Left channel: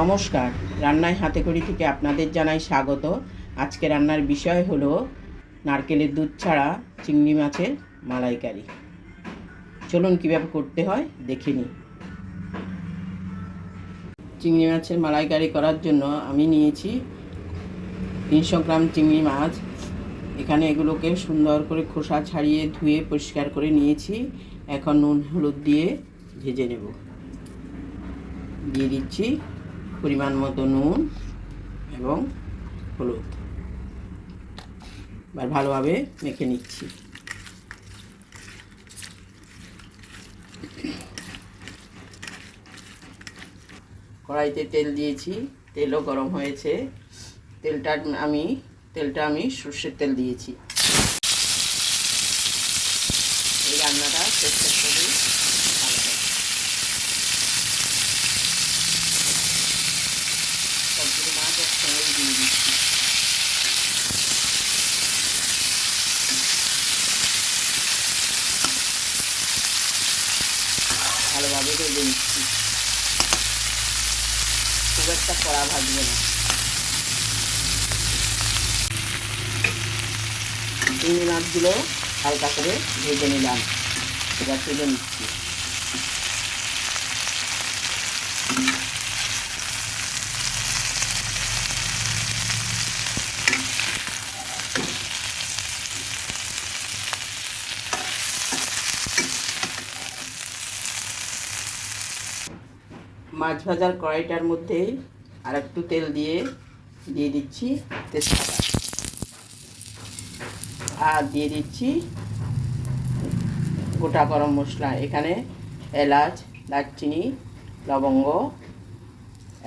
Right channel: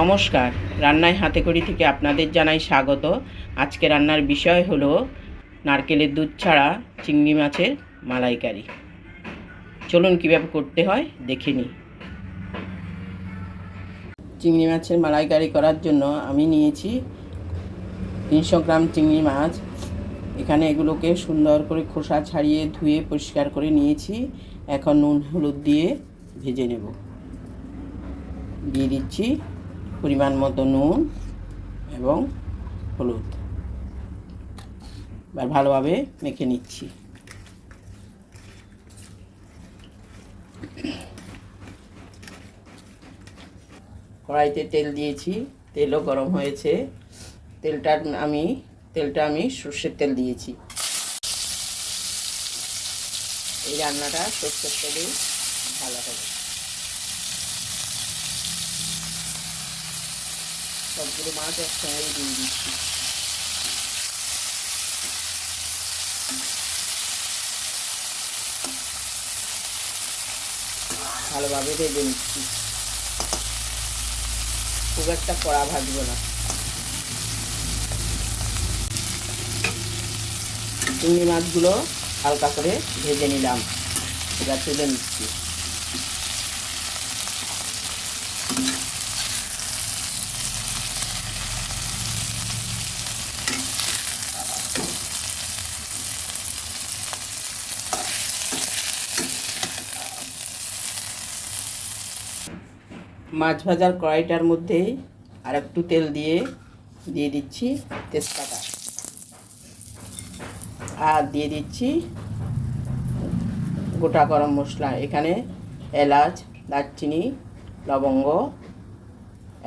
নমস্কার। রান্নায় হাতে করি থেকে আপনাদের জানাই স্বাগত। আজকে রান্নার বিষয় হলো নারকেলের দুধ ছাড়া চিংড়ি মাছের মালাইকারি। চলুন কীভাবে করতে হয়, দেখে নিই। চিংড়ি মাছের মালাইকারি করার জন্য আমি নিয়েছি তিনশো গ্রাম চিংড়ি মাছ। এখানে এগুলোকে সুন্দর করে খোসা ছাড়িয়ে ধুয়ে পরিষ্কার করে নিয়েছি। এখন নুন, হলুদ দিয়ে ভেজে নেব। দিয়ে দিচ্ছি পরিমাণ মতো নুন এবং হলুদ। এবার ভালোভাবে মেখে নিচ্ছি। কড়াইতে তেল দিয়েছি, তেলও গরম হয়েছে। তেলটা আমি তেলটা আমি সর্ষের তেল দিয়েছি। এই রান্নাটা সর্ষের তেলে ভালো হবে সবগুলো মাছ একসঙ্গে দিচ্ছি ভালোভাবে ভেজে নিচ্ছি। খুব একটা কড়া ভাজবে না। চিংড়ি মাছগুলো হালকা করে ভেজে নিলাম। এবার তুলে নিচ্ছি। মাছ ভাজার কড়াইটার মধ্যেই আর একটু তেল দিয়ে দিয়ে দিচ্ছি তেজপাতা। আর দিয়ে দিচ্ছি গোটা গরম মশলা, এখানে এলাচ, দারচিনি, লবঙ্গ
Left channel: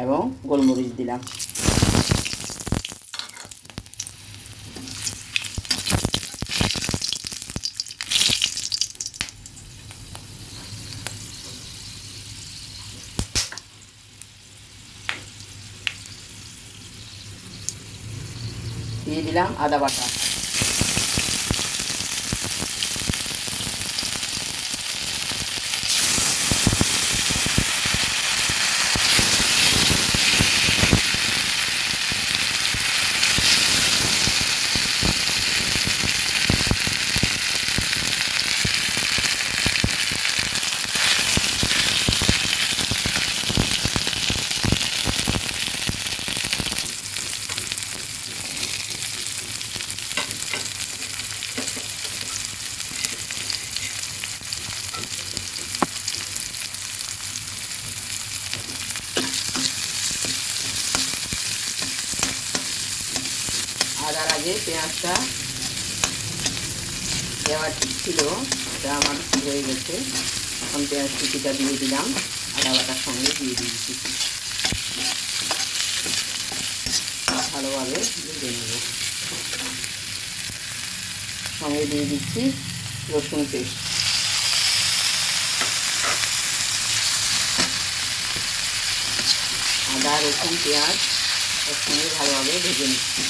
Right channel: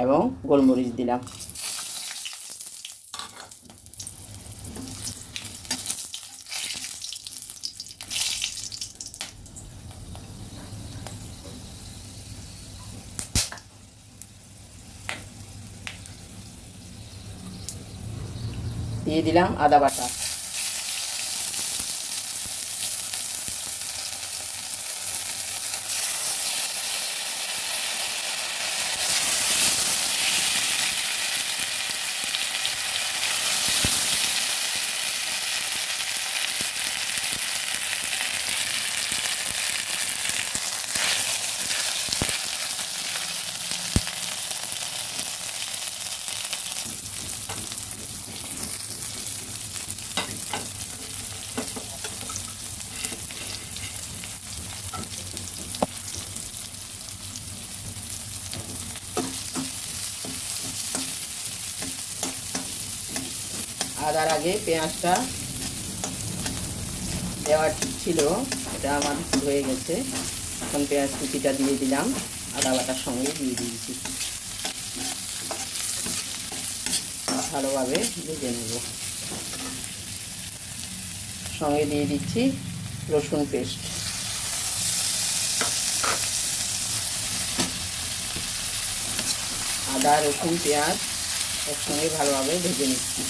এবং গোলমরিচ দিলাম। দিয়ে দিলাম আদা বাটা। আদার আগে পেঁয়াজটা দেওয়ার ছিল, এটা আমার হয়ে গেছে। এখন পেঁয়াজ কুচিটা দিয়ে দিলাম, আদা বাটার সঙ্গে দিয়ে দিয়েছি। ভালোভাবে ভেজে নেব। সঙ্গে দিয়ে দিচ্ছি রসুন পেস্ট। আদা, রসুন, পেঁয়াজ একসঙ্গে ভালোভাবে ভেজে নিচ্ছি।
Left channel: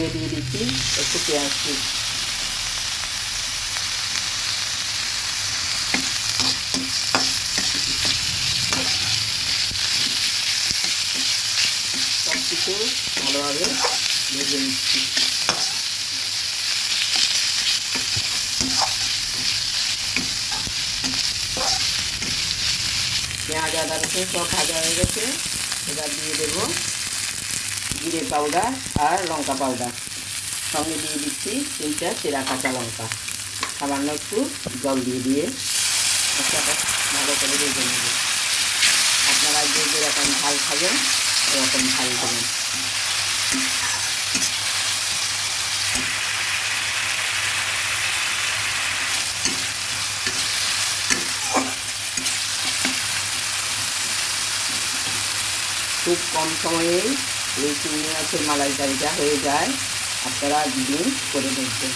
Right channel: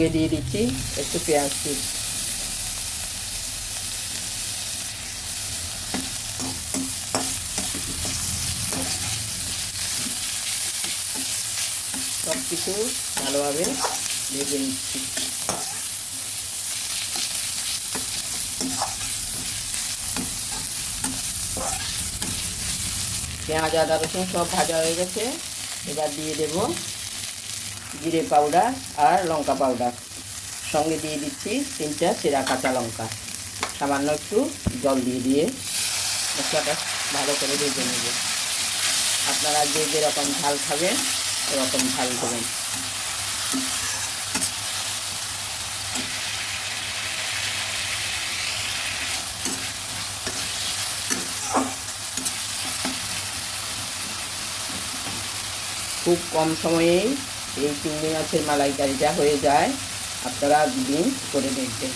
সঙ্গে দিয়ে দিচ্ছি একটু পেঁয়াজ কুচি সব কিছু ভালোভাবে ভেজে নিচ্ছি। পেঁয়াজ, আদা, রসুন সব ভাজা হয়ে গেছে। এবার দিয়ে দেব জিরে পাউডার আর লঙ্কা পাউডার। সঙ্গে দিয়ে দিচ্ছি তিনটা চেরা কাঁচা লঙ্কা। সামান্য একটু জল দিয়ে দিয়ে মশলাটা ভালো করে ভেজে নেব। আপনারা যে যেরকম ঝাল খাবেন ওরকম ঝাল দেবেন। খুব কম সময়েই এই চিংড়ি মাছের মালাইকারিটা হয়ে যায়। আপনারা একদিন করে দেখবেন।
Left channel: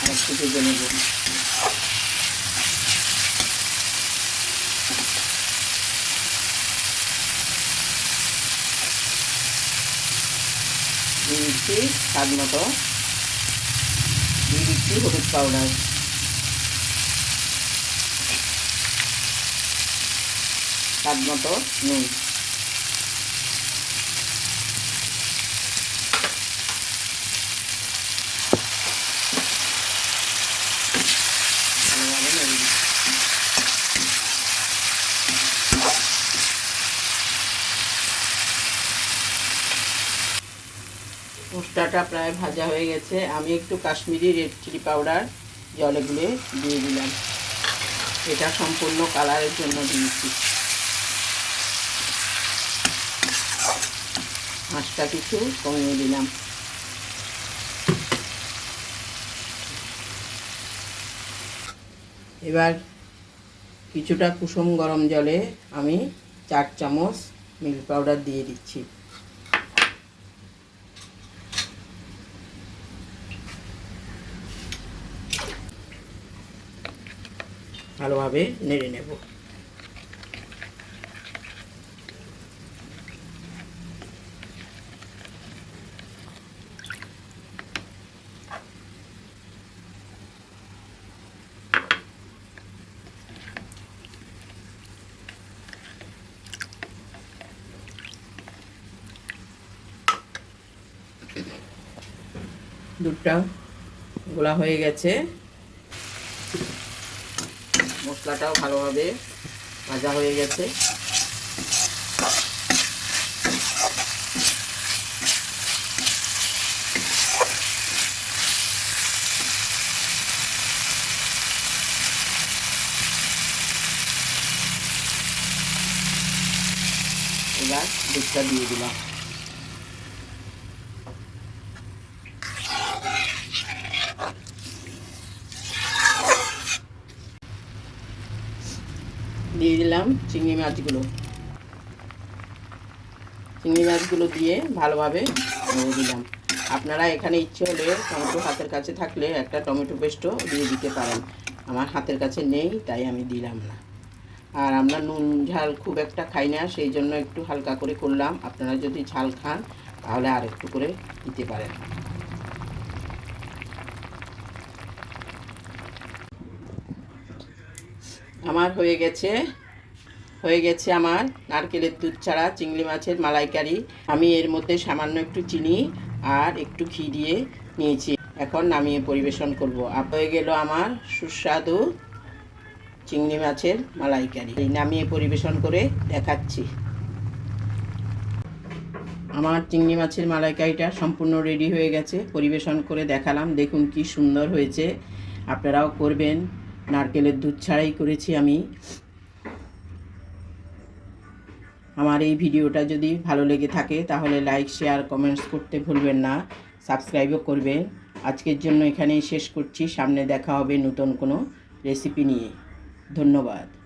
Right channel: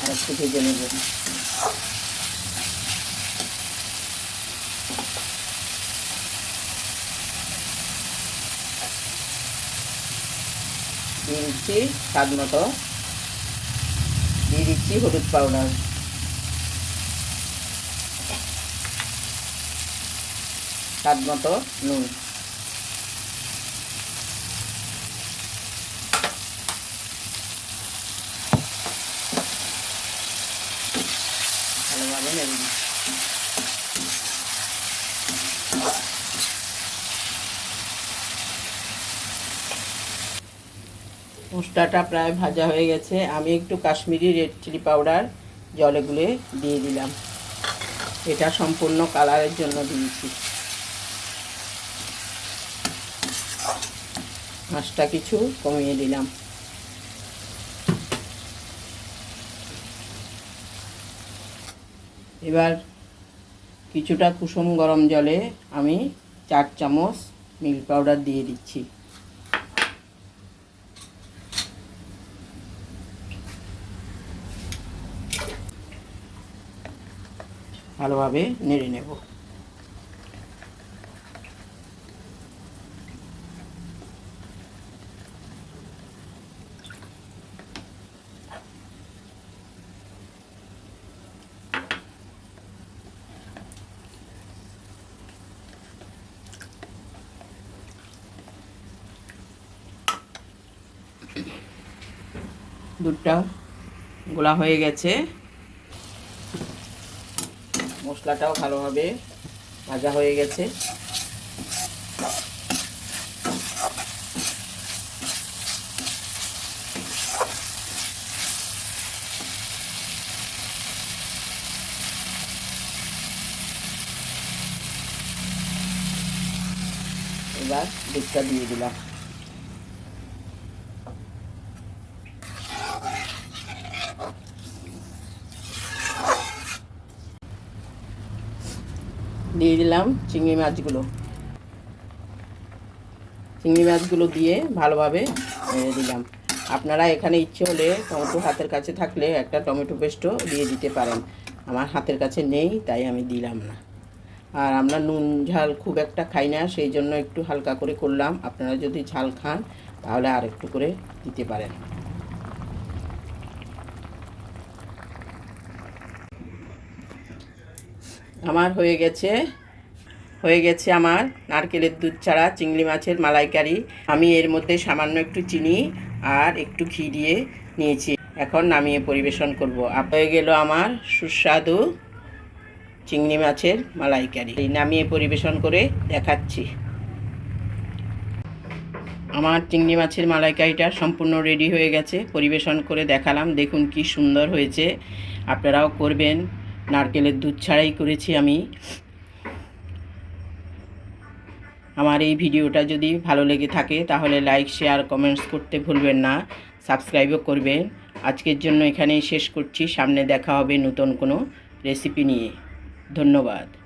আর একটু ভেজে নেব। দিয়ে দিচ্ছি স্বাদ মতো। দিয়ে দিচ্ছি হলুদ পাউডার। স্বাদ মতো নুন ভালোভাবে নেড়ে দিচ্ছি মশলাটা প্রায় ভাজা হয়ে গেছে। আমি একটু কাশ্মীরি রেড চিলি পাউডার জলে গুলে দিয়ে দিলাম। এটা সম্পূর্ণ কালারের জন্য দিয়েছি। মাছটা কিছু কমিয়ে দিলাম। এবার কিছুটা কুসুম গরম জলে আমি চার চামচ মিল্ক পাউডার দিয়ে দিচ্ছি। ভালোভাবে নেড়ে নেব। দুধটা গোলা হয়ে গেছে। মশলাটাও ভালোভাবে ভাজা হয়ে গেছে। এবার দুধটা দিয়ে দিলাম। দিয়ে দিলাম চিংড়ি মাছগুলো। চিংড়ি মাছগুলো দিয়ে ভালোভাবে দিলাম আপনারা এখানে ইচ্ছে হলে টমেটো হাতের কাছে থাকলে একটা টমেটো পেস্টও দিয়ে দিতে পারেন। আমার হাতের কাছে নেই, তাই আমি দিলাম না। আর আমরা নুন, ঝাল খুব একটা খাই না, সেই জন্য একটু হালকা করে করলাম। আপনারা যদি ঝাল খান, তাহলে আর একটু করে দিতে পারেন। আমার হয়ে গেছে হয়ে গেছে আমার নারকেলের দুধ ছাড়া চিংড়ি মাছের মালাইকারি। আমি এর মধ্যে সামান্য একটু চিনি আর একটু ঘি দিয়ে নিয়েছি। এখন নামিয়ে পরিবেশন করব। হয়ে গেল আমার সুস্বাদু চিংড়ি মাছের মালাইকারি। এই নামিয়ে পরিবেশন করে দেখাচ্ছি। আমার চিংড়ি মাছের মালাইকারিটা সম্পূর্ণ রেডি হয়ে গেছে। পরিবেশন করে দেখালাম। দেখুন কি সুন্দর হয়েছে। আপনারাও করবেন। নারকেলের দুধ ছাড়াই করেছি আমি। আমার এই ভিডিওটা যদি ভালো লেগে থাকে, তাহলে লাইক শেয়ার কমেন্টস করতে ভুলবেন না। সাবস্ক্রাইবও করবেন। আজকের জন্য এখানেই শেষ করছি। সামনে দেখা হবে নতুন কোনো রেসিপি নিয়ে। ধন্যবাদ।